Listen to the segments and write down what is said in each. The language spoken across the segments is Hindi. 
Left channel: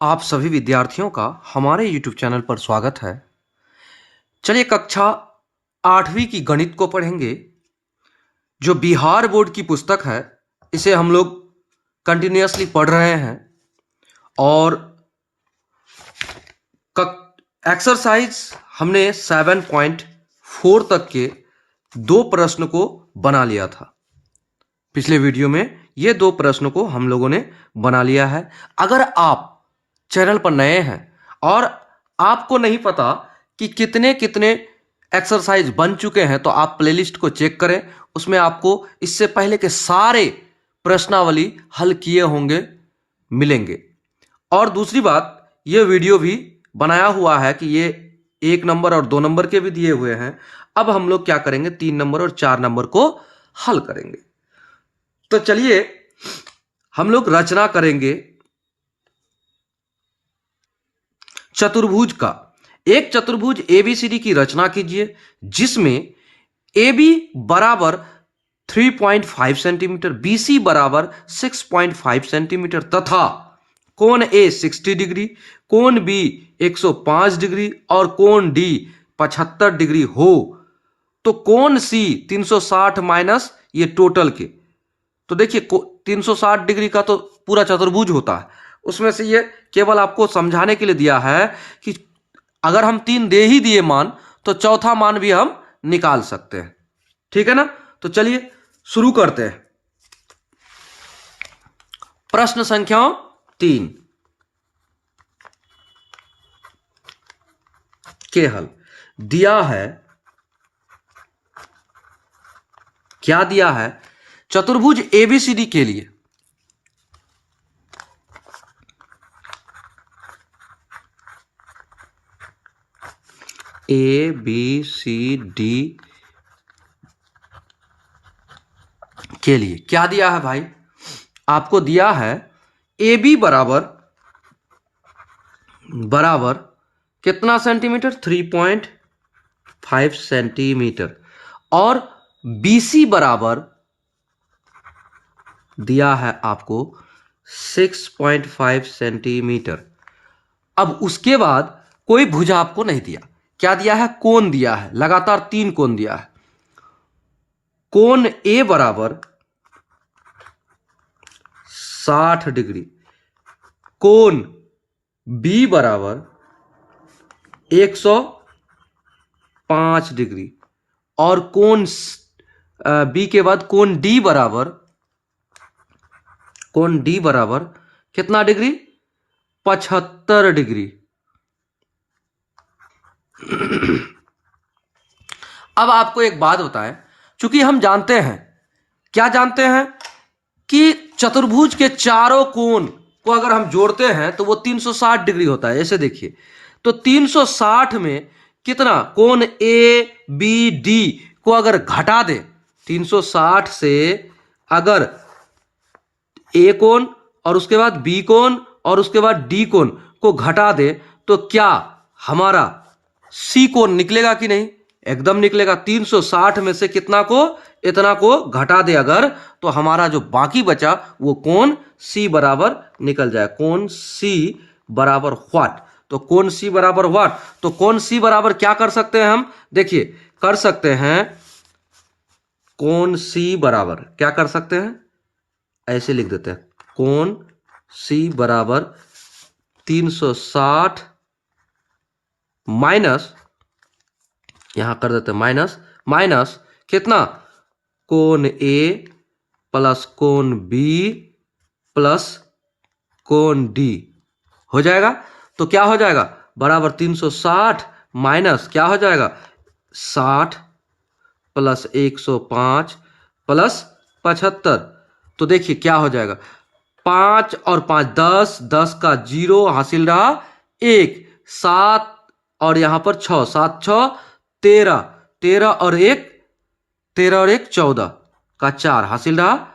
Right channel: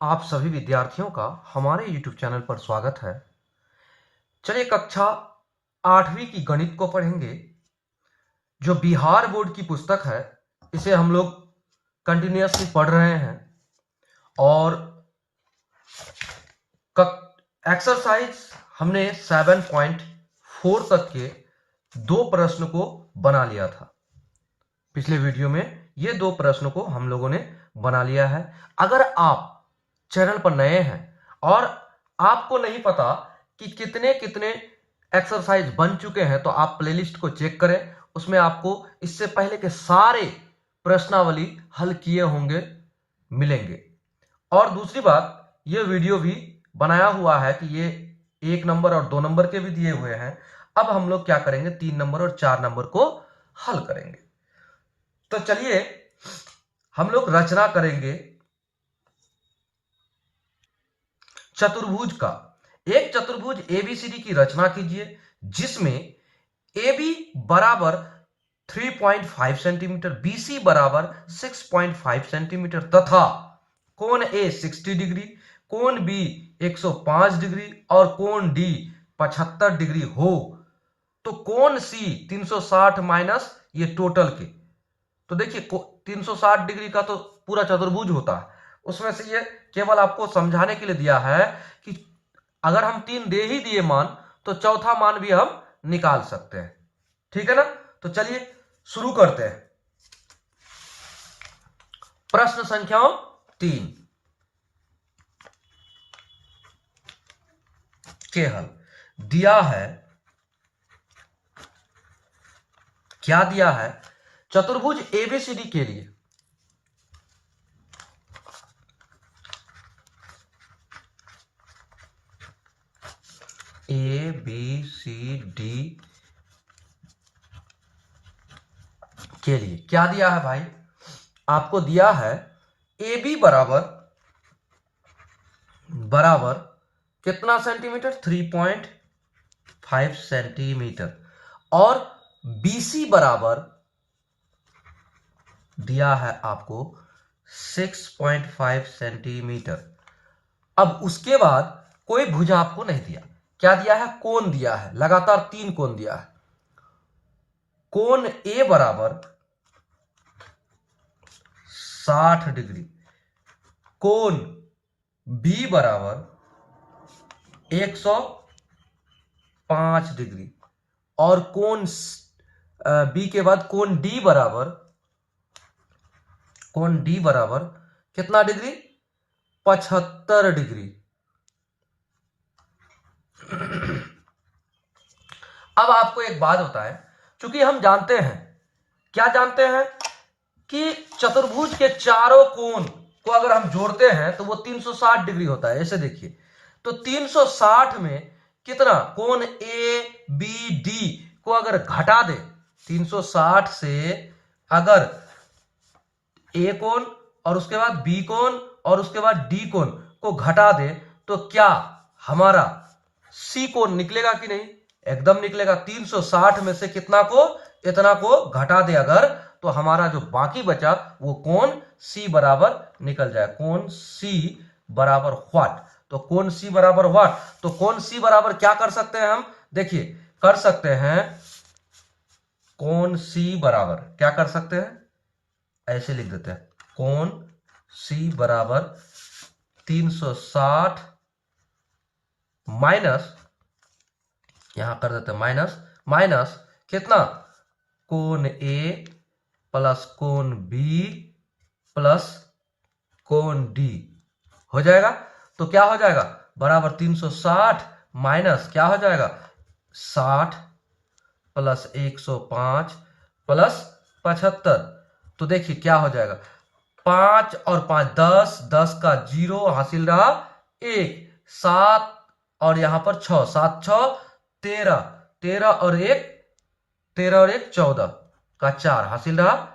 आप सभी विद्यार्थियों का हमारे YouTube चैनल पर स्वागत है। चलिए कक्षा 8वीं की गणित को पढ़ेंगे। जो बिहार बोर्ड की पुस्तक है, इसे हम लोग कंटिन्यूअसली पढ़ रहे हैं और एक्सरसाइज हमने 7.4 तक के दो प्रश्न को बना लिया था। पिछले वीडियो में ये दो प्रश्नों को हम लोगों ने बना लिया है। अगर आप चैनल पर नए हैं और आपको नहीं पता कि कितने कितने एक्सरसाइज बन चुके हैं, तो आप प्लेलिस्ट को चेक करें। उसमें आपको इससे पहले के सारे प्रश्नावली हल किए होंगे मिलेंगे। और दूसरी बात, ये वीडियो भी बनाया हुआ है कि ये 1 नंबर और 2 नंबर के भी दिए हुए हैं। अब हम लोग क्या करेंगे, 3 नंबर और 4 नंबर को हल करेंगे। तो चलिए हम लोग रचना करेंगे चतुर्भुज का। एक चतुर्भुज एबीसीडी की रचना कीजिए, जिसमें AB बराबर 3.5 सेंटीमीटर, BC बराबर 6.5 सेंटीमीटर तथा कोण A 60 डिग्री, कोण B 105 डिग्री और कोण D 75 डिग्री हो, तो कोण C 360 माइनस ये टोटल के। तो देखिए 360 डिग्री का तो पूरा चतुर्भुज होता है, उसमें से ये केवल आपको समझाने के लिए दिया है कि अगर हम 3 दे ही दिए मान, तो चौथा मान भी हम निकाल सकते हैं। ठीक है ना? तो चलिए शुरू करते हैं। प्रश्न संख्या 3 के हल दिया है। क्या दिया है? चतुर्भुज एबीसीडी के लिए ABCD के लिए क्या दिया है भाई? आपको दिया है AB बराबर कितना सेंटीमीटर? 3.5 सेंटीमीटर। और BC बराबर दिया है आपको 6.5 सेंटीमीटर। अब उसके बाद कोई भुजा आपको नहीं दिया। क्या दिया है? कोण दिया है, लगातार 3 कोण दिया है। कोण A बराबर 60 डिग्री, कोण B बराबर 105 डिग्री और कोण B के बाद कोण D बराबर कितना डिग्री? 75 डिग्री। अब आपको एक बात बताएं, चूंकि हम जानते हैं, क्या जानते हैं कि चतुर्भुज के चारों कोण को अगर हम जोड़ते हैं तो वो 360 डिग्री होता है। ऐसे देखिए, तो 360 में कितना? कोण ए बी डी को अगर घटा दे, 360 से अगर ए कोण और उसके बाद बी कोण और उसके बाद डी कोण को घटा दे, तो क्या हमारा सी कोण निकलेगा कि नहीं? एकदम निकलेगा। 360 में से कितना को? इतना को घटा दे अगर, तो हमारा जो बाकी बचा वो कोण सी बराबर निकल जाए। कोण सी बराबर व्हाट? तो कोण सी बराबर व्हाट? तो कोण सी बराबर क्या कर सकते हैं हम? देखिए कर सकते हैं, कोण सी बराबर क्या कर सकते हैं? ऐसे लिख देते हैं, कोण सी बराबर 360 माइनस, यहां कर देते हैं माइनस कितना? कोण ए प्लस कोण बी प्लस कोण डी हो जाएगा। तो क्या हो जाएगा? बराबर 360 माइनस क्या हो जाएगा? 60 प्लस 105 प्लस 75। तो देखिए क्या हो जाएगा, 5 और 5 10, 10 का 0 हासिल रहा 1, 7 और यहां पर 6, 7 6 13, 13 और 1 14 का 4 हासिल रहा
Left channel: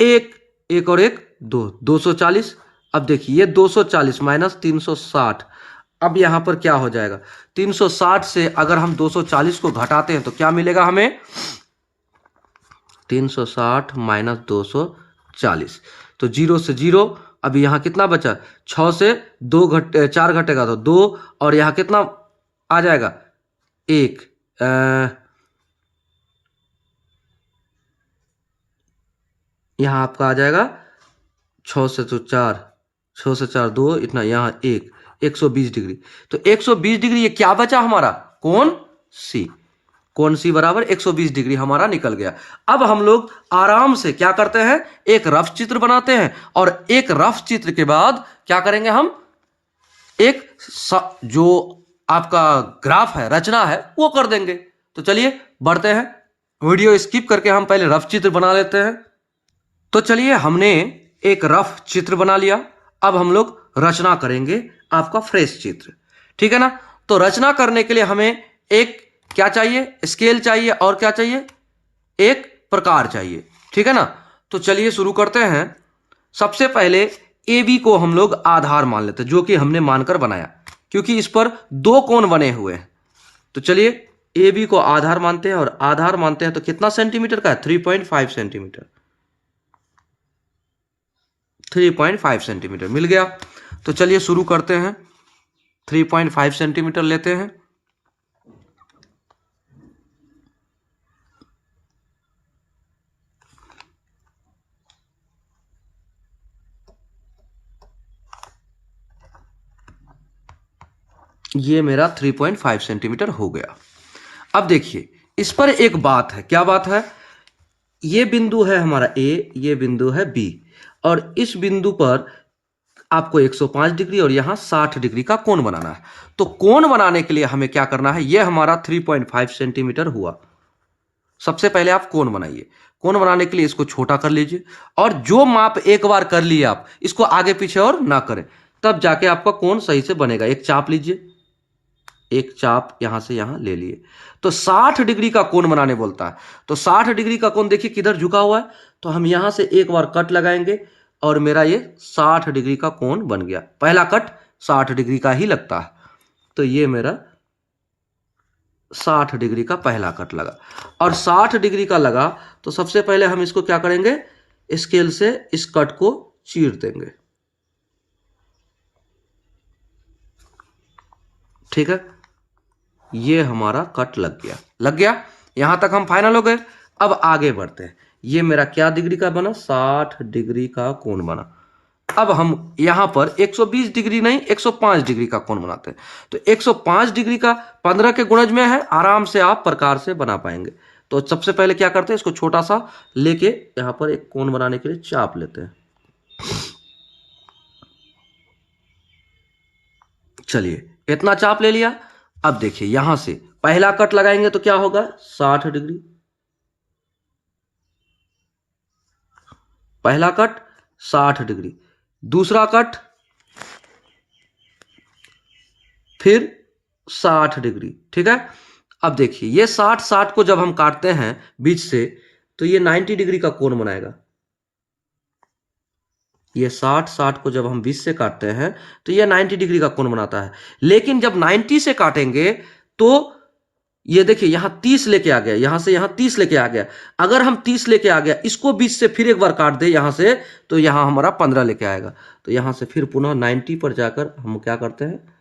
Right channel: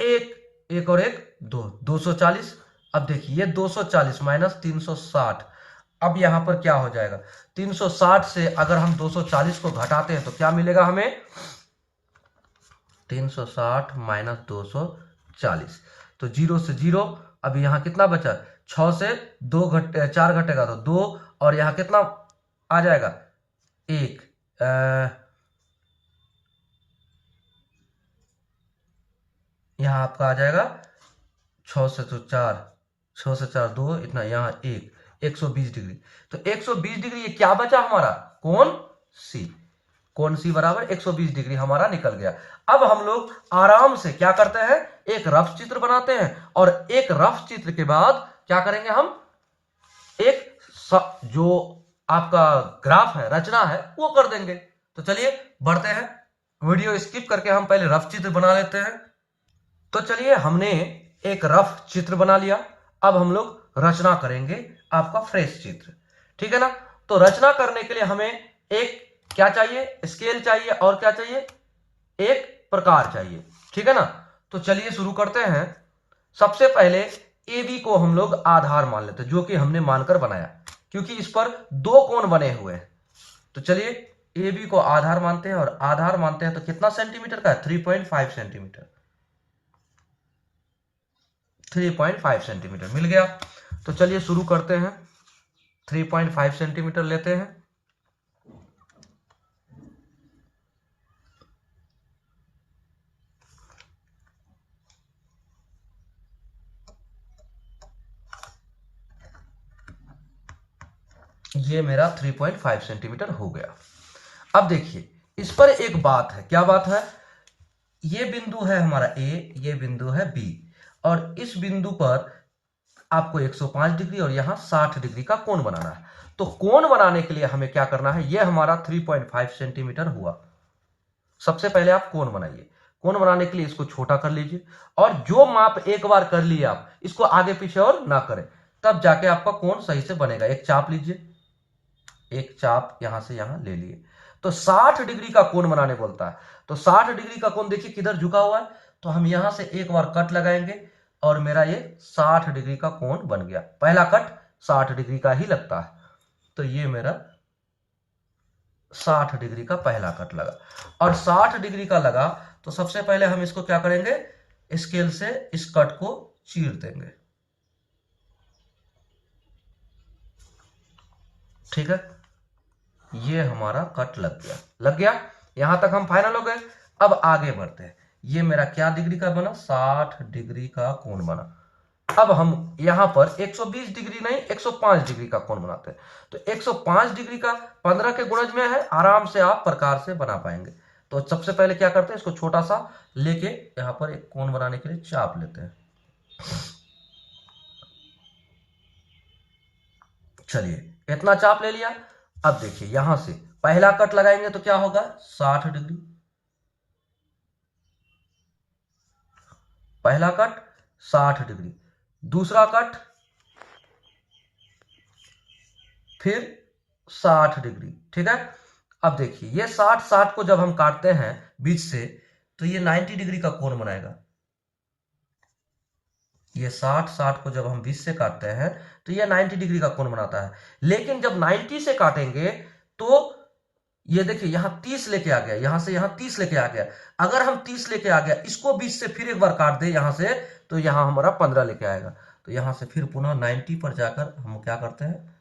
1, 1 और 1 2, 240। अब देखिए ये 240 माइनस 360, अब यहां पर क्या हो जाएगा? 360 से अगर हम 240 को घटाते हैं तो क्या मिलेगा हमें? 360 माइनस 240, तो 0 से 0 अभी यहाँ कितना बचा, 6 से 2 घटे 4 घटेगा तो 2, और यहाँ कितना आ जाएगा 1, यहाँ आपका आ जाएगा 6 से तो 4, 6 से 4 2, इतना यहाँ 1, 120 डिग्री। तो 120 डिग्री ये क्या बचा हमारा, कोण सी। कोण सी बराबर 120 डिग्री हमारा निकल गया। अब हम लोग आराम से क्या करते हैं, एक रफ चित्र बनाते हैं, और एक रफ चित्र के बाद क्या करेंगे हम, एक जो आपका ग्राफ है, रचना है, वो कर देंगे। तो चलिए बढ़ते हैं, वीडियो स्किप करके हम पहले रफ चित्र बना लेते हैं। तो चलिए हमने एक रफ चित्र बना लिया, अब हम लोग रचना करेंगे आपका फ्रेश चित्र, ठीक है ना। तो रचना करने के लिए हमें एक क्या चाहिए, स्केल चाहिए, और क्या चाहिए, एक प्रकार चाहिए, ठीक है ना। तो चलिए शुरू करते हैं। सबसे पहले ए बी को हम लोग आधार मान लेते हैं, जो कि हमने मानकर बनाया, क्योंकि इस पर 2 कोण बने हुए हैं। तो चलिए ए बी को आधार मानते हैं, और आधार मानते हैं तो कितना सेंटीमीटर का है, 3.5 सेंटीमीटर, 3.5 सेंटीमीटर मिल गया। तो चलिए शुरू करते हैं, 3.5 सेंटीमीटर लेते हैं। ये मेरा 3.5 सेंटीमीटर हो गया। अब देखिए इस पर एक बात है, क्या बात है, ये बिंदु है हमारा ए, ये बिंदु है बी, और इस बिंदु पर आपको 105 डिग्री और यहां 60 डिग्री का कोण बनाना है। तो कोण बनाने के लिए हमें क्या करना है, यह हमारा 3.5 सेंटीमीटर हुआ। सबसे पहले आप कोण बनाइए। कोण बनाने के लिए इसको छोटा कर लीजिए, और जो माप एक बार कर लिए आप, इसको आगे पीछे और ना करें, तब जाके आपका कोण सही से बनेगा। एक चाप लीजिए, एक चाप यहां से यहां ले लिए, तो 60 डिग्री का कोण बनाने बोलता है। तो 60 डिग्री का कोण देखिए किधर झुका हुआ है, तो हम यहां से एक बार कट लगाएंगे, और मेरा ये 60 डिग्री का कोण बन गया। पहला कट 60 डिग्री का ही लगता है, तो ये मेरा 60 डिग्री का पहला कट लगा। और 60 डिग्री का लगा तो सबसे पहले हम इसको क्या करेंगे, स्केल से इस कट को चीर देंगे, ठीक है। ये हमारा कट लग गया, लग गया। यहां तक हम फाइनल हो गए। अब आगे बढ़ते हैं। ये मेरा क्या डिग्री का बना, 60 डिग्री का कोण बना। अब हम यहां पर 120 डिग्री नहीं, 105 डिग्री का कोण बनाते हैं। तो 105 डिग्री का 15 के गुणज में है, आराम से आप प्रकार से बना पाएंगे। तो सबसे पहले क्या करते हैं, इसको छोटा सा लेके यहां पर एक कोण बनाने के लिए चाप लेते हैं। चलिए इतना चाप ले लिया। अब देखिए यहां से पहला कट लगाएंगे तो क्या होगा, 60 डिग्री, पहला कट 60 डिग्री, दूसरा कट फिर 60 डिग्री, ठीक है। अब देखिए ये 60 को जब हम काटते हैं बीच से, तो ये 90 डिग्री का कोण बनाएगा। ये 60 को जब हम 20 से काटते हैं तो ये 90 डिग्री का कोण बनाता है। लेकिन जब 90 से काटेंगे तो ये देखिए यहां 30 लेके आ गया, यहां से यहां 30 लेके आ गया। अगर हम 30 लेके आ गया, इसको 20 से फिर एक बार काट दे यहां से, तो यहां हमारा 15 लेके आएगा। तो यहां से फिर पुनः 90 पर जाकर हम क्या करते हैं,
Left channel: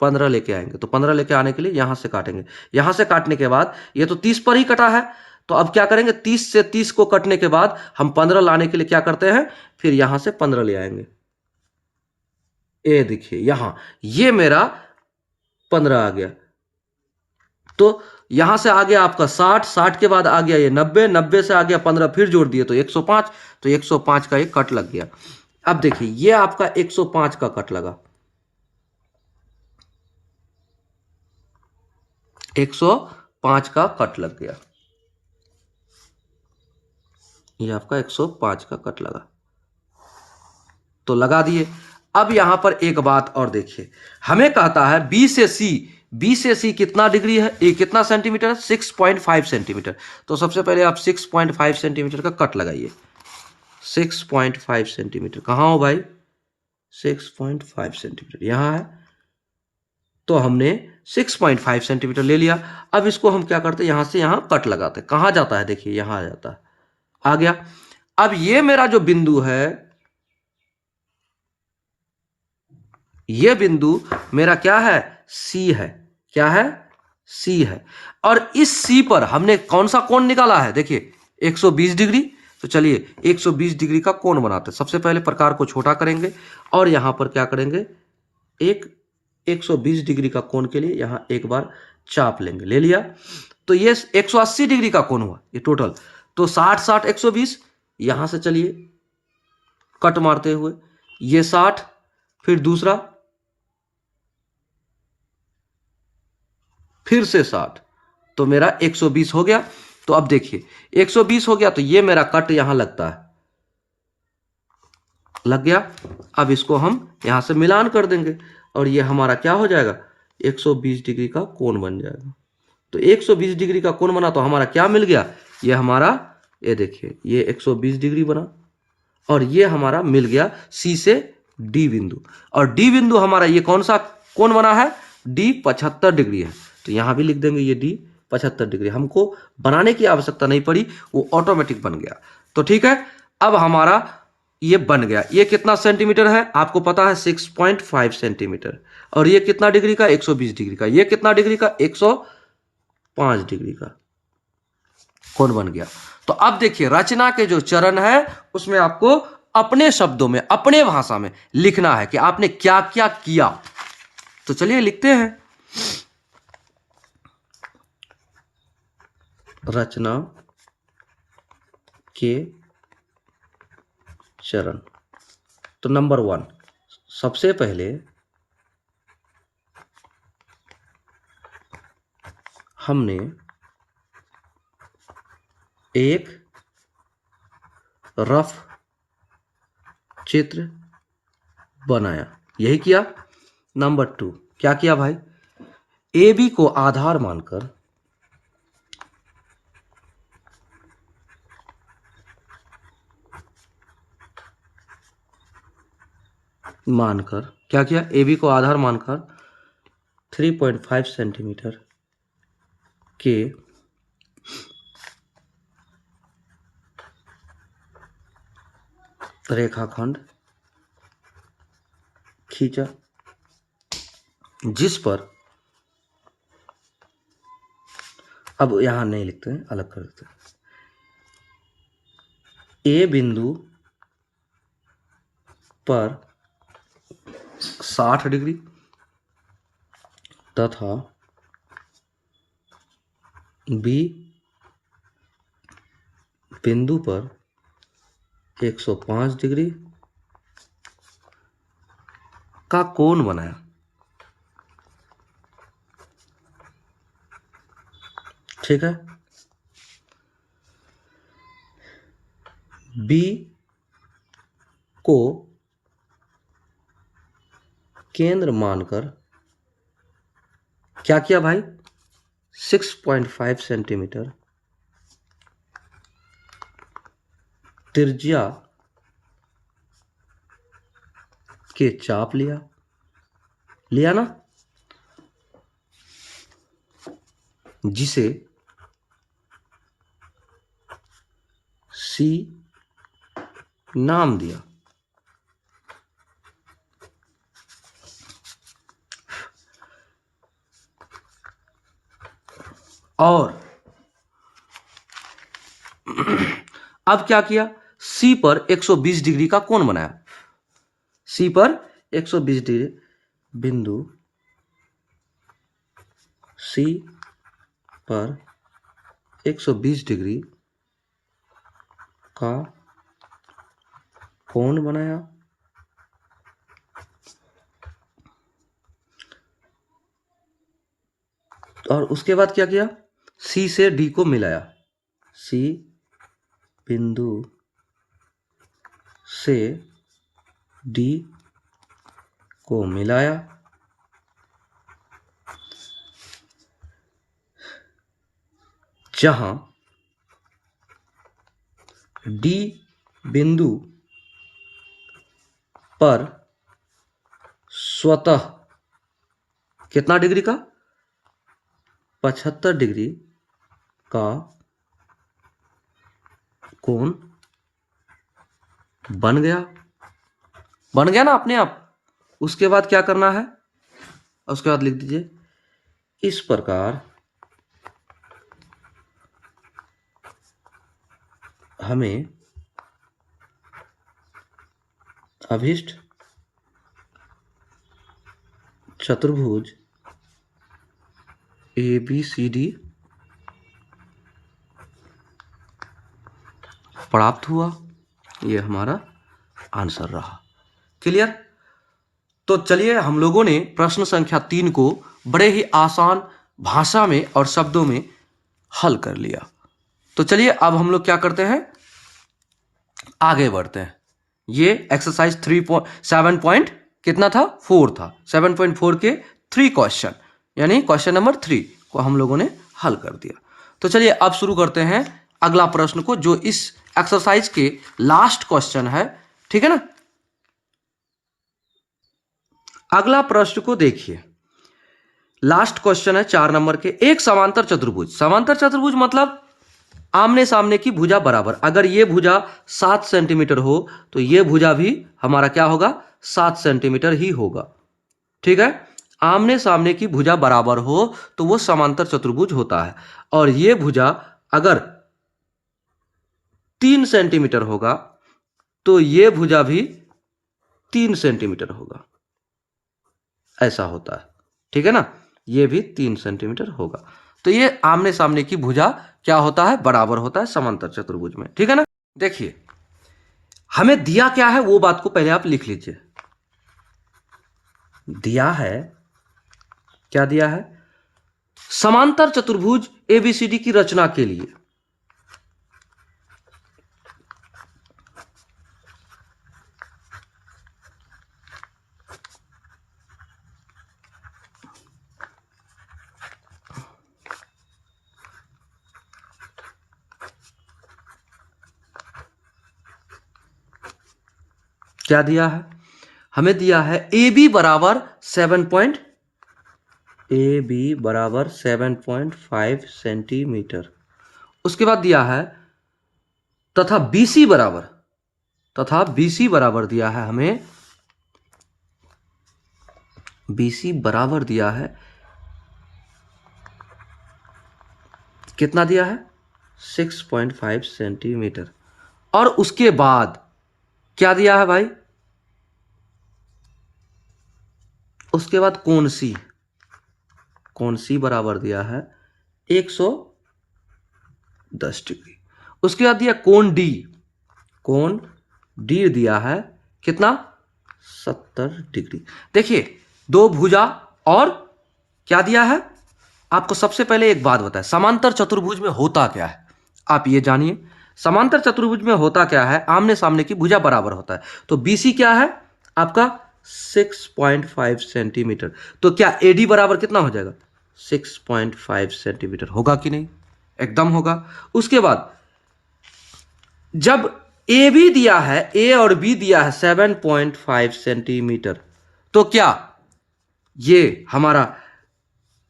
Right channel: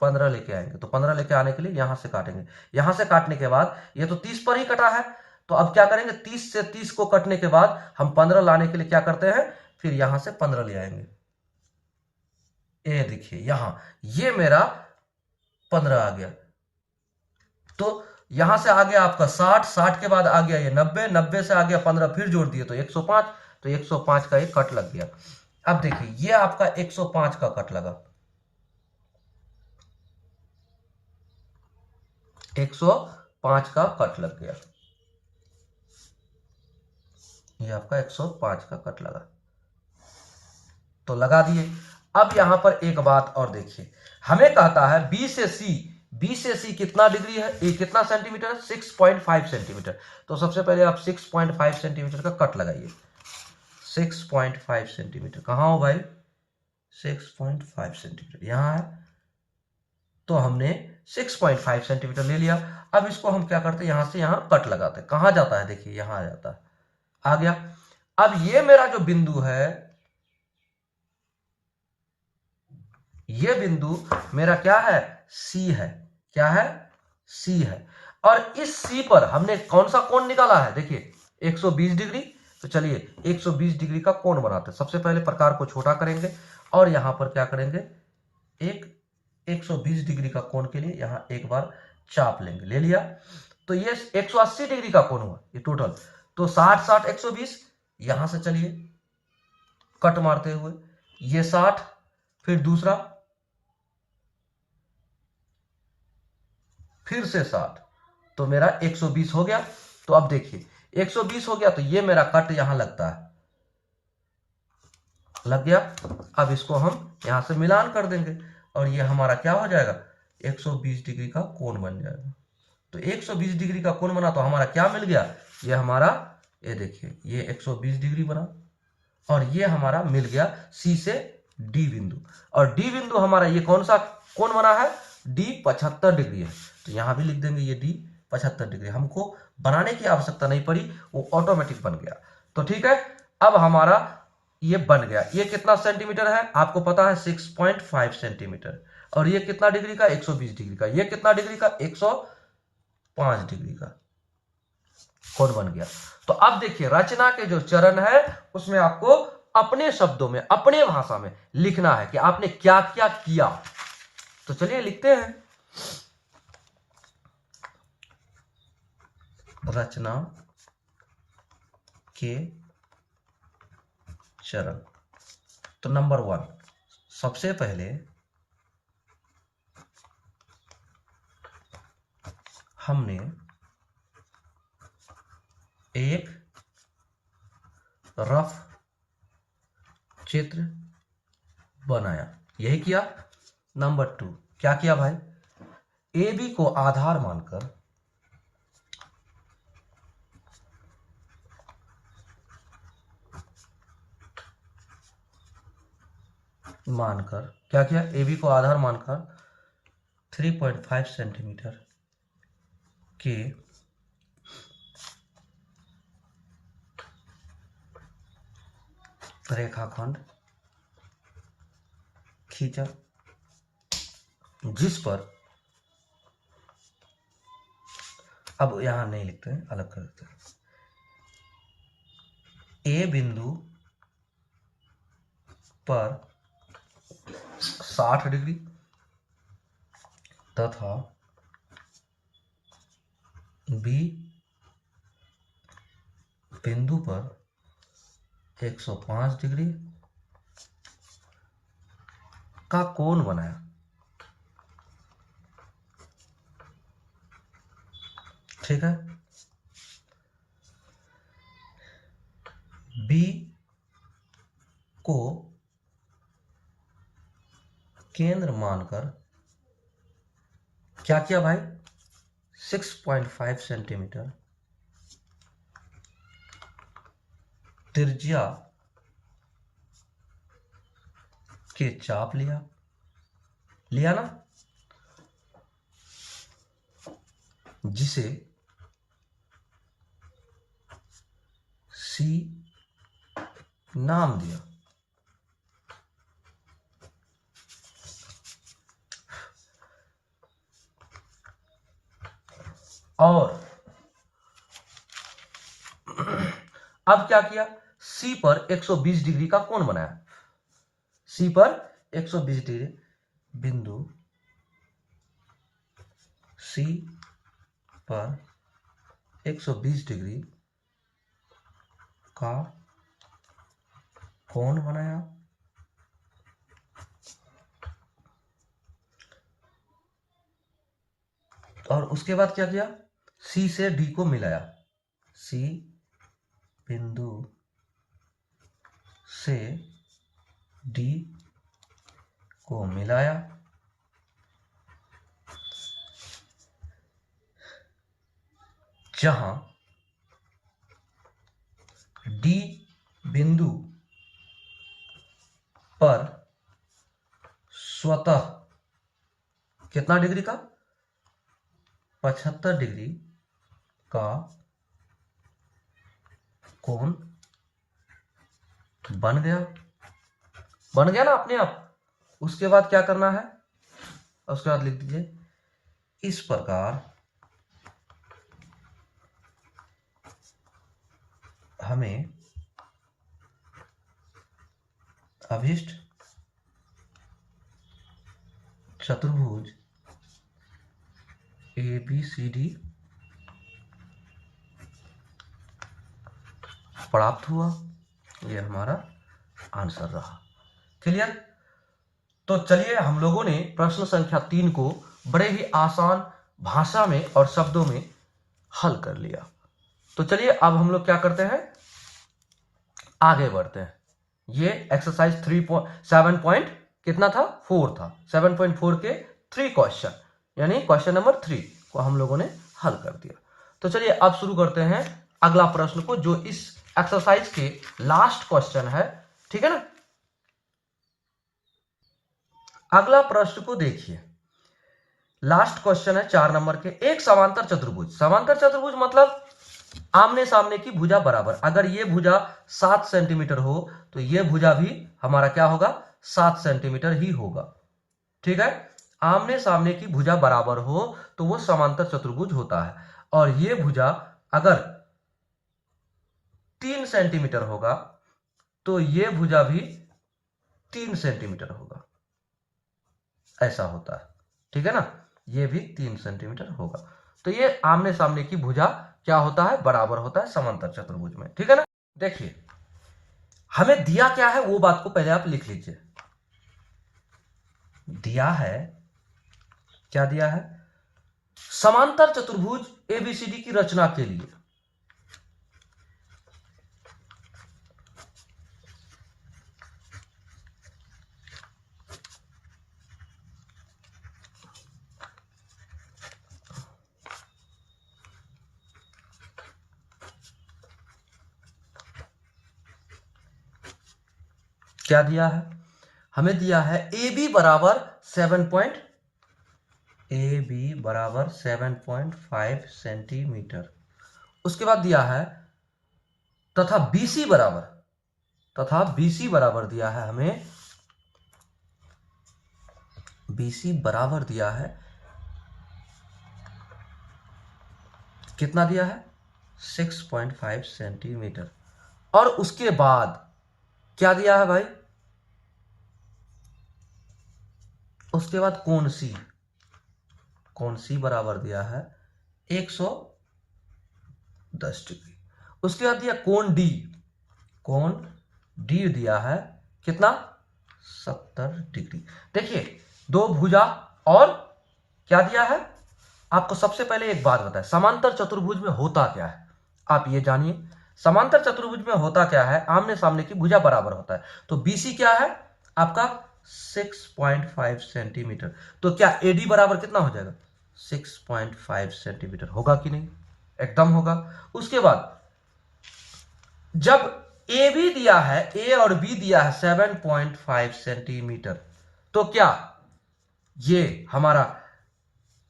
15 लेके आएंगे। तो 15 लेके आने के लिए यहां से काटेंगे। यहां से काटने के बाद ये तो 30 पर ही कटा है, तो अब क्या करेंगे, 30 से 30 को कटने के बाद हम 15 लाने के लिए क्या करते हैं, फिर यहां से 15 ले आएंगे। ये देखिए यहां ये मेरा 15 आ गया। तो यहां से आ गया आपका 60, 60 के बाद आ गया ये 90, 90 से आ गया 15, फिर जोड़ दिए तो 105, तो 105 का एक कट लग गया। अब देखिए ये आपका 105 का कट लगा, 105 का कट लग गया, ये आपका 105 का कट लगा, तो लगा दिए। अब यहां पर एक बात और देखिए, हमें कहता है बी से सी, बी से सी कितना डिग्री है, ये कितना सेंटीमीटर है, 6.5 सेंटीमीटर। तो सबसे पहले आप 6.5 सेंटीमीटर का कट लगाइए। 6.5 सेंटीमीटर कहाँ हो भाई, 6.5 सेंटीमीटर यहां है। तो हमने 6.5 सेंटीमीटर ले लिया। अब इसको हम क्या करते हैं, यहां से यहां कट लगाते हैं। कहां जाता है, देखिए यहां आ जाता है, आ गया। अब ये मेरा जो बिंदु है, ये बिंदु मेरा क्या है, सी है। क्या है, सी है। और इस सी पर हमने कौन सा कोण निकाला है, देखिए 120 डिग्री। तो चलिए 120 डिग्री का कोण बनाते हैं। सबसे पहले प्रकार को छोटा करेंगे और यहां पर क्या करेंगे, एक 120 डिग्री का कोण के लिए यहां एक बार चाप लेंगे। ले लिया। तो ये 180 डिग्री का कोण हुआ ये टोटल। तो 60 60 120, यहां से चलिए कट मारते हुए ये 60, फिर दूसरा, फिर से 60, तो मेरा 120 हो गया। तो अब देखिए 120 हो गया तो ये मेरा कट यहां लगता है, लग गया। अब इसको हम यहां से मिलान कर देंगे और ये हमारा क्या हो जाएगा, 120 डिग्री का कोण बन जाएगा। तो 120 डिग्री का कोण बना तो हमारा क्या मिल गया, ये हमारा, ये देखिए ये 120 डिग्री बना और ये हमारा मिल गया सी से डी बिंदु। और डी बिंदु हमारा ये कौन सा कोण बना है, डी 75 डिग्री है। तो यहां भी लिख देंगे ये डी 75 डिग्री। हमको बनाने की आवश्यकता नहीं पड़ी, वो ऑटोमेटिक बन गया। तो ठीक है, अब हमारा ये बन गया। ये कितना सेंटीमीटर है आपको पता है, 6.5 सेंटीमीटर। और ये कितना डिग्री का, 120 डिग्री का। ये कितना डिग्री का, 105 डिग्री का कोण बन गया। तो अब देखिए रचना के जो चरण है उसमें आपको अपने शब्दों में, अपने भाषा में लिखना है कि आपने क्या क्या किया। तो चलिए लिखते हैं। रचना के चरण। तो नंबर 1, सबसे पहले हमने एक रफ चित्र बनाया, यही किया। नंबर 2 क्या किया भाई, ए बी को आधार मानकर क्या किया, ए बी को आधार मानकर 3.5 सेंटीमीटर के रेखाखंड खींचा, जिस पर, अब यहां नहीं लिखते हैं, अलग कर देते हैं, ए बिंदु पर 60 डिग्री तथा बी बिंदु पर 105 डिग्री का कोण बनाया। ठीक है, बी को केंद्र मानकर क्या किया भाई, 6.5 सेंटीमीटर त्रिज्या के चाप लिया, लिया ना, जिसे सी नाम दिया। और अब क्या किया, सी पर 120 डिग्री का कोण बनाया। सी पर 120 डिग्री, बिंदु सी पर 120 डिग्री का कोण बनाया। और उसके बाद क्या किया, सी से डी को मिलाया। सी बिंदु से डी को मिलाया, जहां डी बिंदु पर स्वतः कितना डिग्री का, 75 डिग्री का कोण बन गया। बन गया ना अपने आप, उसके बाद क्या करना है, उसके बाद लिख दीजिए इस प्रकार हमें अभिष्ट चतुर्भुज ABCD प्राप्त हुआ। ये हमारा आंसर रहा। क्लियर? तो चलिए हम लोगों ने प्रश्न संख्या 3 को बड़े ही आसान भाषा में और शब्दों में हल कर लिया। तो चलिए अब हम लोग क्या करते हैं, आगे बढ़ते हैं। ये एक्सरसाइज 7 पॉइंट कितना था, 4 था। 7.4 के 3 क्वेश्चन यानी क्वेश्चन नंबर 3 को हम लोगों ने हल कर दिया। तो चलिए अब शुरू करते हैं अगला प्रश्न को, जो इस एक्सरसाइज के लास्ट क्वेश्चन है। ठीक है ना? अगला प्रश्न को देखिए, लास्ट क्वेश्चन है 4 नंबर के। एक समांतर चतुर्भुज, समांतर चतुर्भुज मतलब आमने सामने की भुजा बराबर। अगर ये भुजा 7 सेंटीमीटर हो तो ये भुजा भी हमारा क्या होगा, 7 सेंटीमीटर ही होगा। ठीक है? आमने सामने की भुजा बराबर हो तो वो समांतर चतुर्भुज होता है। और ये भुजा अगर 3 सेंटीमीटर होगा तो ये भुजा भी 3 सेंटीमीटर होगा, ऐसा होता है। ठीक है ना? ये भी 3 सेंटीमीटर होगा। तो ये आमने सामने की भुजा क्या होता है, बराबर होता है समांतर चतुर्भुज में। ठीक है ना? देखिए हमें दिया क्या है वो बात को पहले आप लिख लीजिए। दिया है, क्या दिया है, समांतर चतुर्भुज ABCD की रचना के लिए क्या दिया है, हमें दिया है AB बराबर 7.5 सेंटीमीटर। उसके बाद दिया है तथा BC बराबर दिया है हमें, BC बराबर दिया है, कितना दिया है, 6.5 सेंटीमीटर। और उसके बाद क्या दिया है भाई, उसके बाद कोण C बराबर दिया है 110 डिग्री। उसके बाद दिया कोण D दिया है कितना, 70 डिग्री। देखिए दो भुजा और क्या दिया है आपको। सबसे पहले एक बात बताएं, समांतर चतुर्भुज में होता क्या है आप ये जानिए। समांतर चतुर्भुज में होता क्या है, आमने सामने की भुजा बराबर होता है। तो BC क्या है आपका 6.5 सेंटीमीटर। तो क्या AD बराबर कितना हो जाएगा, 6.5 सेंटीमीटर होगा कि नहीं, एकदम होगा। उसके बाद जब AB दिया है, A और B दिया है 7.5 सेंटीमीटर, तो क्या ये हमारा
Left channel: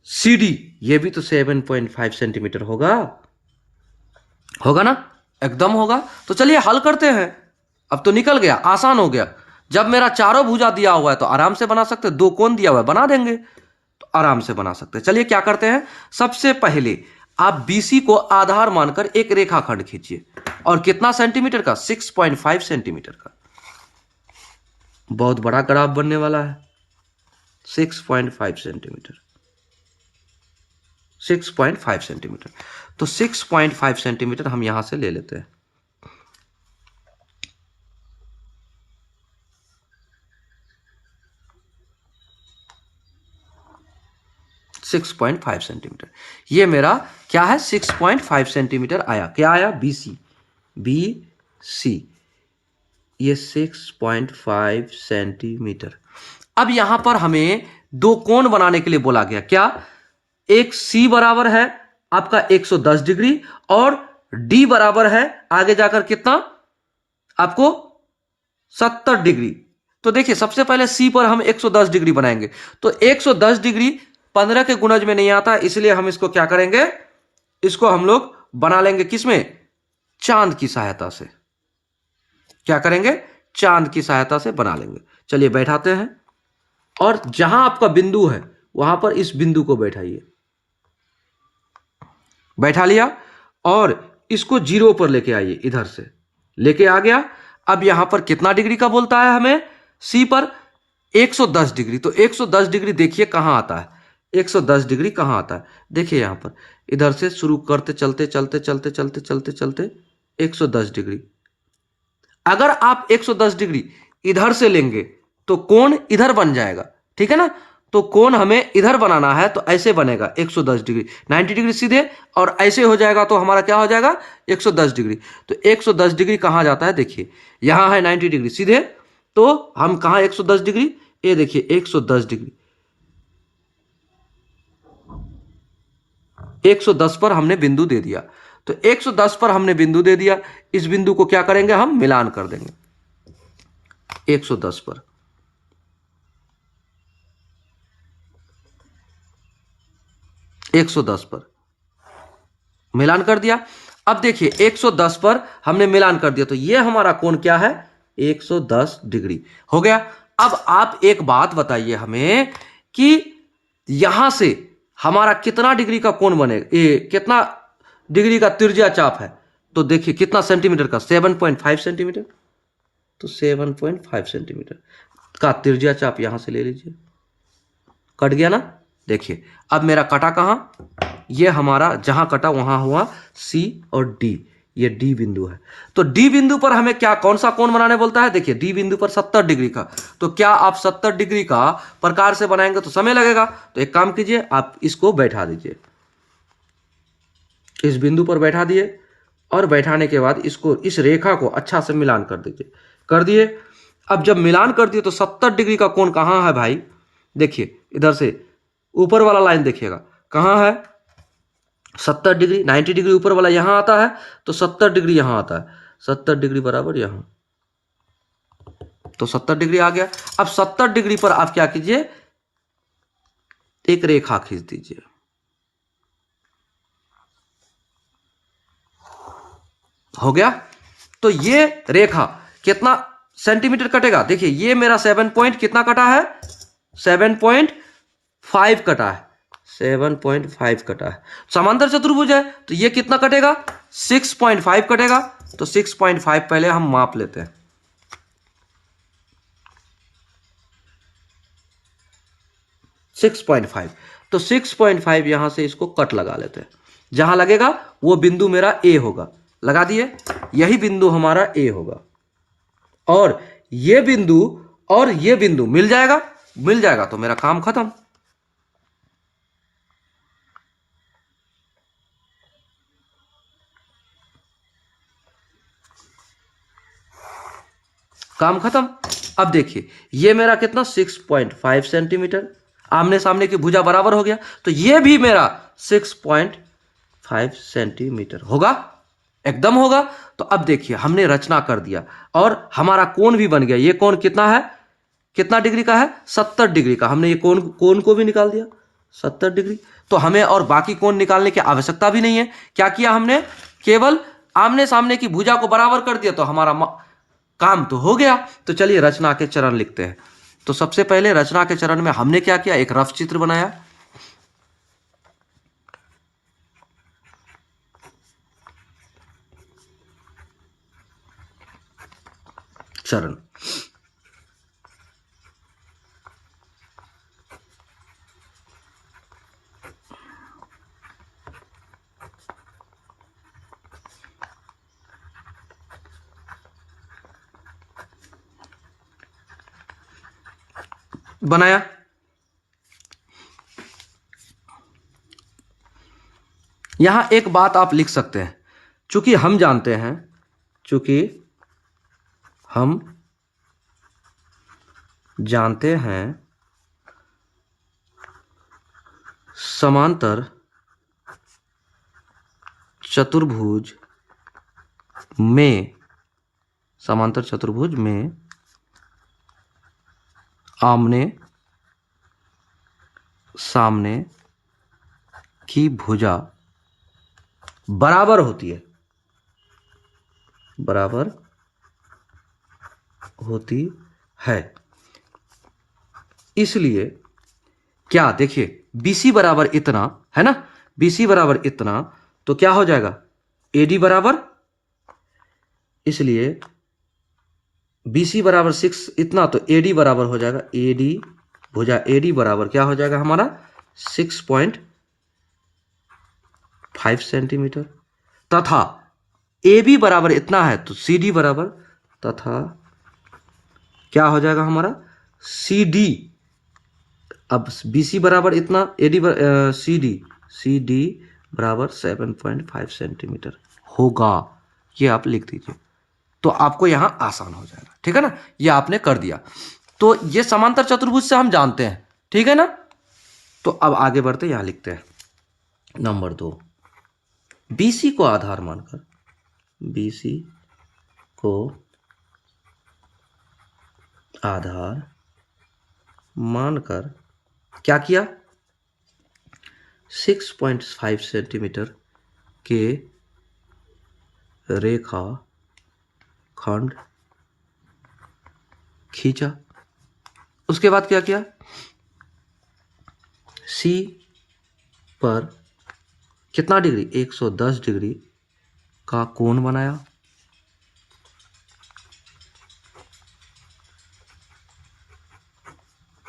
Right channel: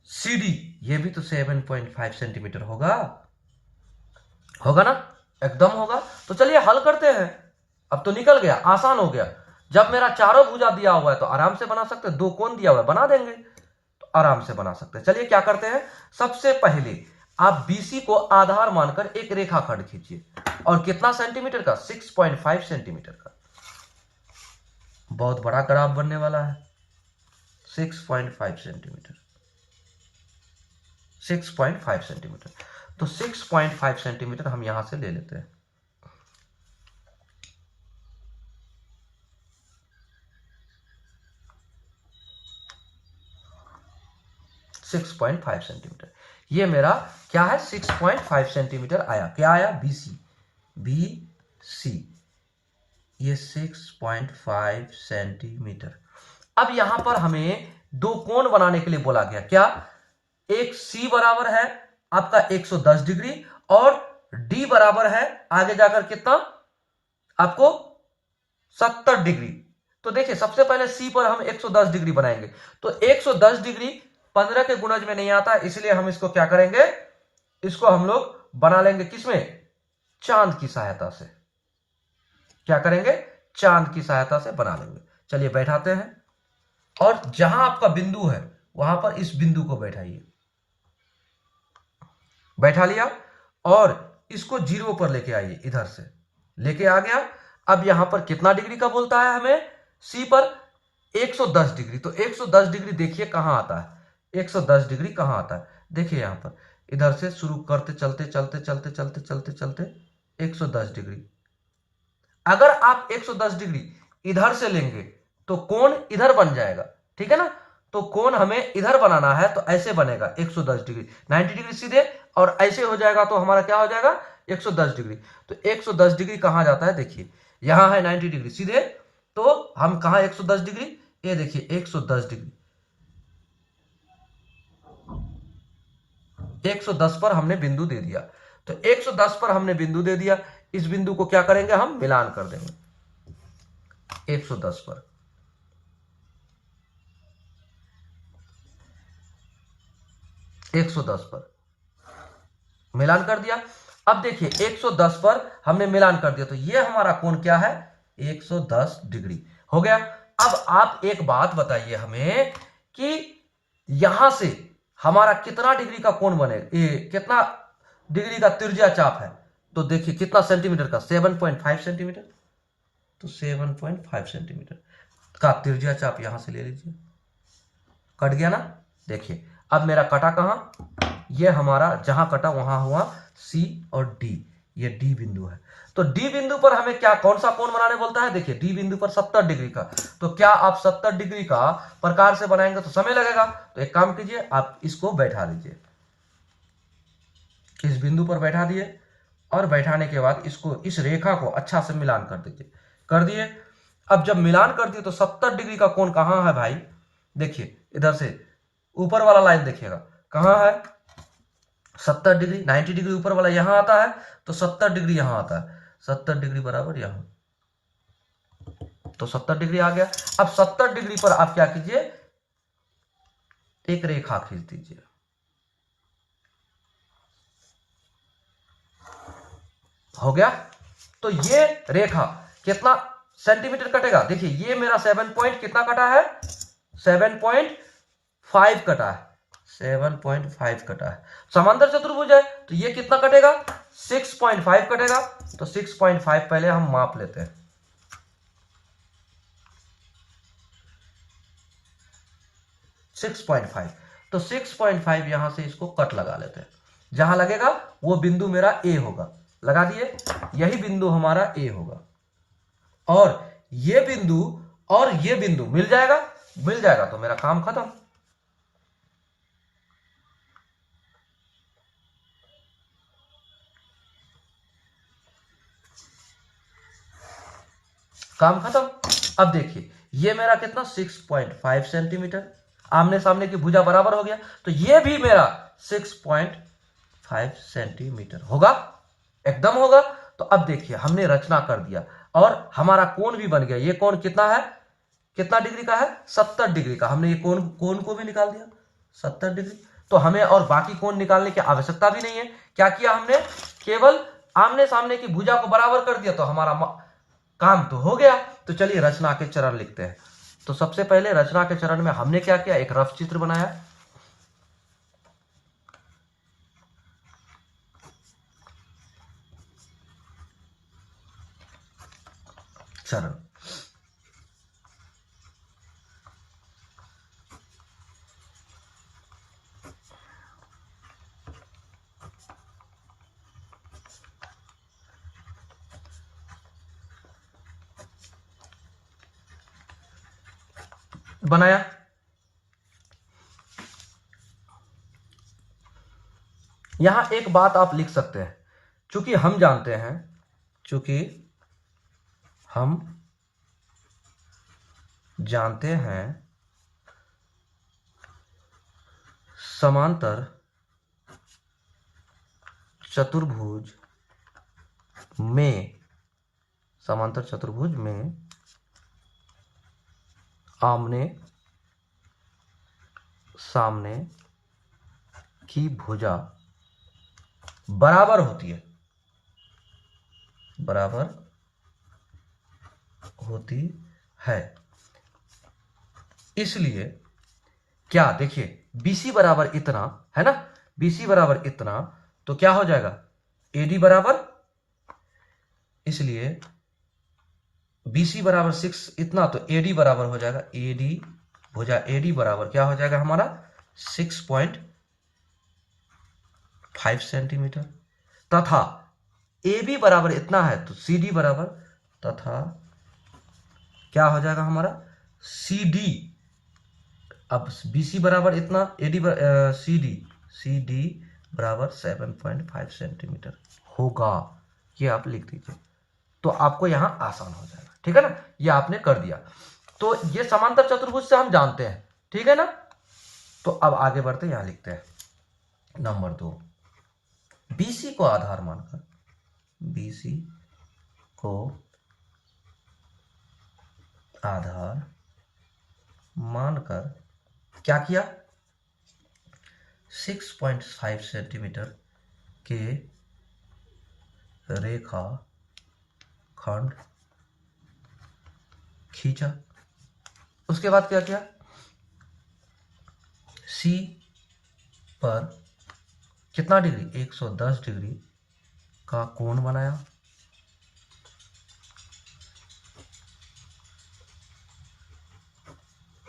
CD ये भी तो 7.5 सेंटीमीटर होगा ना, एकदम होगा। तो चलिए हल करते हैं। अब तो निकल गया, आसान हो गया। जब मेरा चारों भुजा दिया हुआ है तो आराम से बना सकते हैं, 2 कोण दिया हुआ है बना देंगे, तो आराम से बना सकते हैं। चलिए क्या करते हैं, सबसे पहले आप BC को आधार मानकर एक रेखाखंड खींचिए। और कितना सेंटीमीटर का, 6.5 सेंटीमीटर का। बहुत बड़ा ग्राफ बनने वाला है, 6.5 सेंटीमीटर, 6.5 सेंटीमीटर। तो 6.5 सेंटीमीटर हम यहां से ले लेते हैं। सिक्स 6.5 सेंटीमीटर, ये मेरा क्या है, 6.5 सेंटीमीटर आया। क्या आया, BC ये 6.5 सेंटीमीटर। अब यहां पर हमें 2 कोण बनाने के लिए बोला गया। क्या, एक C बराबर है आपका 110 डिग्री और D बराबर है आगे जाकर कितना आपको 70 डिग्री। तो देखिए सबसे पहले C पर हम 110 डिग्री बनाएंगे। तो 110 डिग्री 15 के गुणज में नहीं आता, इसलिए हम इसको क्या करेंगे, इसको हम लोग बना लेंगे किसमें, चांद की सहायता से। क्या करेंगे, चांद की सहायता से बना लेंगे। चलिए बैठाते हैं। और जहां आपका बिंदु है वहां पर इस बिंदु को बैठाइए, बैठा लिया, और इसको 0 पर लेके आइए, इधर से लेके आ गया। अब यहां पर कितना डिग्री का बोलता है हमें, सी पर 110 डिग्री। तो 110 डिग्री देखिए कहां आता है, 110 डिग्री कहां आता है, देखिए यहां पर इधर से शुरू करते चलते चलते चलते चलते चलते चलते 110 डिग्री। अगर आप 110 डिग्री इधर से लेंगे तो कोण इधर बन जाएगा, ठीक है ना। तो कोण हमें इधर बनाना है तो ऐसे बनेगा 110 डिग्री, 90 डिग्री सीधे, और ऐसे हो जाएगा तो हमारा क्या हो जाएगा 110 डिग्री। तो 110 डिग्री कहाँ जाता है, देखिए यहां है 90 डिग्री सीधे, तो हम कहा 110 डिग्री, ये देखिए 110 डिग्री, 110 पर हमने बिंदु दे दिया। तो 110 पर हमने बिंदु दे दिया, इस बिंदु को क्या करेंगे हम, मिलान कर देंगे 110 पर। एक 110 पर मिलान कर दिया। अब देखिए 110 पर हमने मिलान कर दिया, तो ये हमारा कोण क्या है, 110 डिग्री हो गया। अब आप एक बात बताइए हमें कि यहां से हमारा कितना डिग्री का कोण बनेगा, ये कितना डिग्री का तिरछा चाप है, तो देखिए कितना सेंटीमीटर का, 7.5 सेंटीमीटर। तो 7.5 सेंटीमीटर का तिरछा चाप यहां से ले लीजिए, कट गया ना। देखिए अब मेरा कटा कहां, ये हमारा जहां कटा वहां हुआ सी और डी, ये डी बिंदु है। तो डी बिंदु पर हमें क्या, कौन सा कोण बनाने बोलता है, देखिए डी बिंदु पर 70 डिग्री का। तो क्या आप 70 डिग्री का प्रकार से बनाएंगे तो समय लगेगा, तो एक काम कीजिए आप इसको बैठा दीजिए, इस बिंदु पर बैठा दिए, और बैठाने के बाद इसको, इस रेखा को अच्छा से मिलान कर दीजिए, कर दिए। अब जब मिलान कर दिए तो 70 डिग्री का कोण कहां है भाई, देखिए इधर से ऊपर वाला लाइन देखिएगा कहां है, 70 डिग्री, 90 डिग्री ऊपर वाला यहां आता है, तो 70 डिग्री यहां आता है, 70 डिग्री बराबर यहां, तो 70 डिग्री आ गया। अब 70 डिग्री पर आप क्या कीजिए, एक रेखा खींच दीजिए, हो गया। तो ये रेखा कितना सेंटीमीटर कटेगा, देखिए ये मेरा 7 पॉइंट कितना कटा है, 7.5 कटा है, 7.5 कटा है। समांतर चतुर्भुज है तो ये कितना कटेगा, 6.5 कटेगा। तो 6.5 पहले हम माप लेते हैं, 6.5। तो 6.5 यहां से इसको कट लगा लेते हैं, जहां लगेगा वो बिंदु मेरा ए होगा, लगा दिए, यही बिंदु हमारा ए होगा, और ये बिंदु और ये बिंदु मिल जाएगा, मिल जाएगा तो मेरा काम खत्म। काम खत्म। अब देखिए ये मेरा कितना 6.5 सेंटीमीटर, आमने सामने की भुजा बराबर हो गया, तो ये भी मेरा 6.5 सेंटीमीटर होगा, एकदम होगा। तो अब देखिए हमने रचना कर दिया और हमारा कोण भी बन गया। ये कोण कितना है, कितना डिग्री का है, 70 डिग्री का। हमने ये कोण कोण को भी निकाल दिया 70 डिग्री। तो हमें और बाकी कोण निकालने की आवश्यकता भी नहीं है। क्या किया हमने, केवल आमने सामने की भुजा को बराबर कर दिया, तो हमारा काम तो हो गया। तो चलिए रचना के चरण लिखते हैं। तो सबसे पहले रचना के चरण में हमने क्या किया, एक रफ चित्र बनाया, चरण, बनाया। यहां एक बात आप लिख सकते हैं, चूंकि हम जानते हैं, चूंकि हम जानते हैं समांतर चतुर्भुज में, समांतर चतुर्भुज में आमने सामने की भुजा बराबर होती है, बराबर होती है। इसलिए क्या देखिए BC बराबर इतना है ना, BC बराबर इतना, तो क्या हो जाएगा AD बराबर, इसलिए BC बराबर 6 इतना, तो AD बराबर हो जाएगा AD भुजा AD बराबर क्या हो जाएगा हमारा 6.5 सेंटीमीटर, तथा AB बराबर इतना है तो CD बराबर, तथा क्या हो जाएगा हमारा CD, अब BC बराबर इतना, CD बराबर 7.5 सेंटीमीटर होगा, ये आप लिख दीजिए तो आपको यहां आसान हो जाएगा, ठीक है ना। ये आपने कर दिया, तो ये समांतर चतुर्भुज से हम जानते हैं, ठीक है ना। तो अब आगे बढ़ते यहां लिखते हैं नंबर 2, BC को आधार मानकर, BC को आधार मानकर क्या किया, 6.5 सेंटीमीटर के रेखा खंड खींचा। उसके बाद क्या किया, C पर कितना डिग्री 110 डिग्री का कोण बनाया,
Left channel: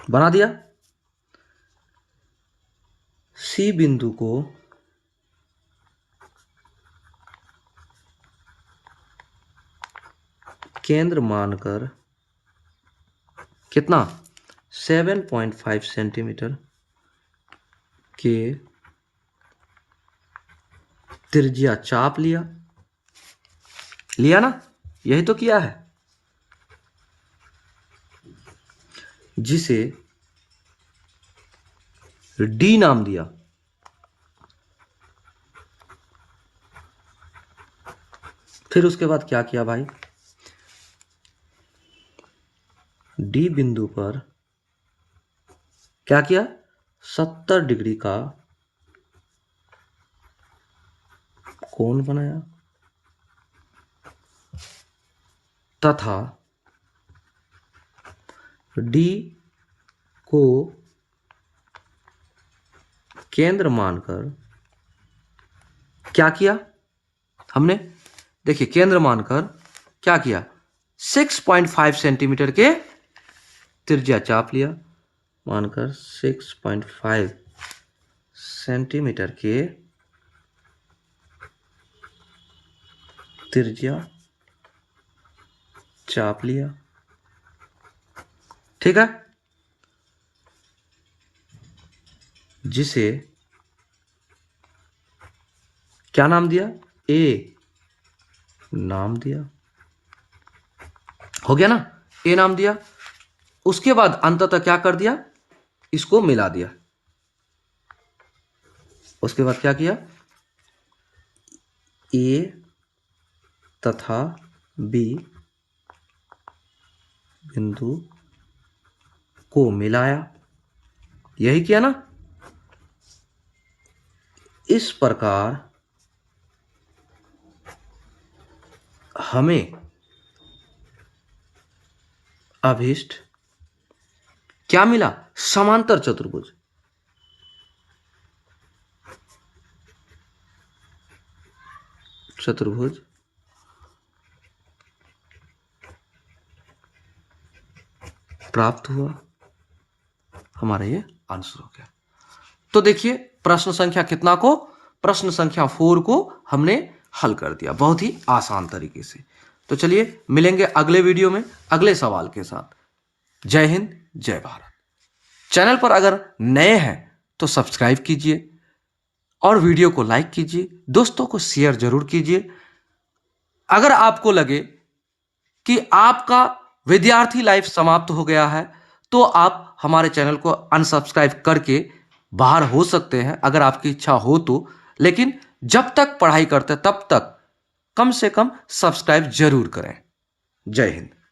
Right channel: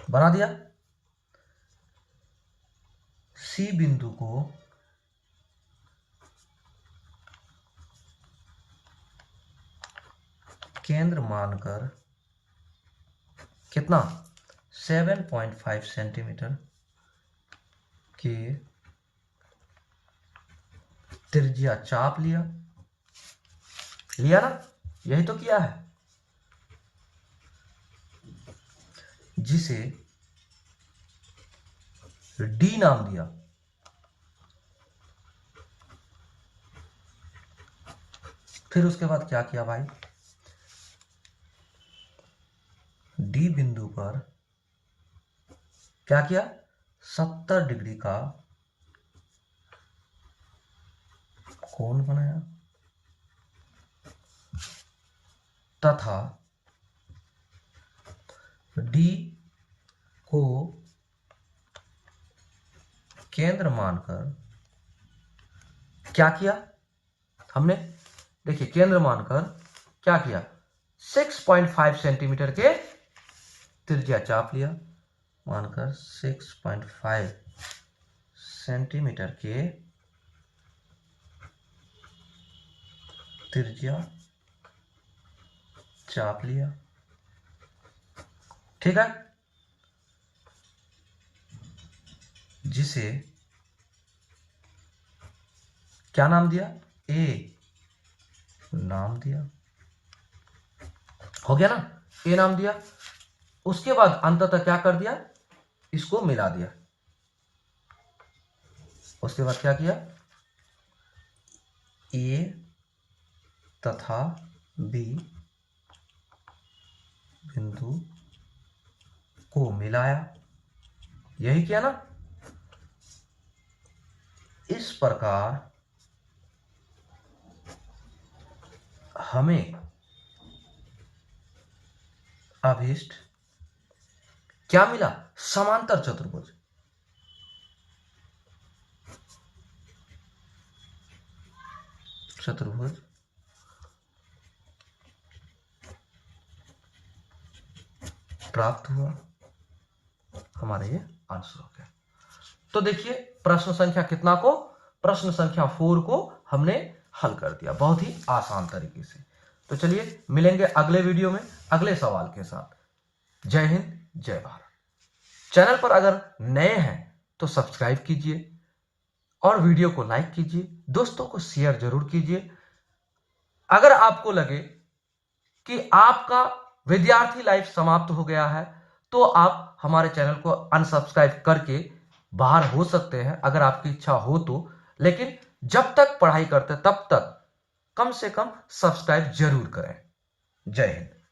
बना दिया। C बिंदु को केंद्र मानकर कितना 7.5 सेंटीमीटर के त्रिज्या चाप लिया ना, यही तो किया है, जिसे D नाम दिया। फिर उसके बाद क्या किया भाई, D बिंदु पर क्या किया 70 डिग्री का कोण बनाया, तथा D को केंद्र मानकर क्या किया हमने, देखिए केंद्र मानकर क्या किया 6.5 सेंटीमीटर के त्रिज्या चाप लिया, मानकर 6.5 सेंटीमीटर के त्रिज्या चाप लिया, ठीक है, जिसे क्या नाम दिया, A नाम दिया, हो गया ना, A नाम दिया। उसके बाद अंततः क्या कर दिया, इसको मिला दिया। उसके बाद क्या किया, A तथा B बिंदु को मिलाया, यही किया ना। इस प्रकार हमें अभिष्ट क्या मिला, समांतर चतुर्भुज। चतुर्भुज प्राप्त हुआ, हमारा ये आंसर हो गया। तो देखिए प्रश्न संख्या कितना को, प्रश्न संख्या 4 को हमने हल कर दिया बहुत ही आसान तरीके से। तो चलिए मिलेंगे अगले वीडियो में अगले सवाल के साथ। जय हिंद, जय भारत। चैनल पर अगर नए हैं तो सब्सक्राइब कीजिए और वीडियो को लाइक कीजिए, दोस्तों को शेयर जरूर कीजिए। अगर आपको लगे कि आपका विद्यार्थी लाइफ समाप्त हो गया है तो आप हमारे चैनल को अनसब्सक्राइब करके बाहर हो सकते हैं, अगर आपकी इच्छा हो तो। लेकिन जब तक पढ़ाई करते तब तक कम से कम सब्सक्राइब जरूर करें। जय हिंद।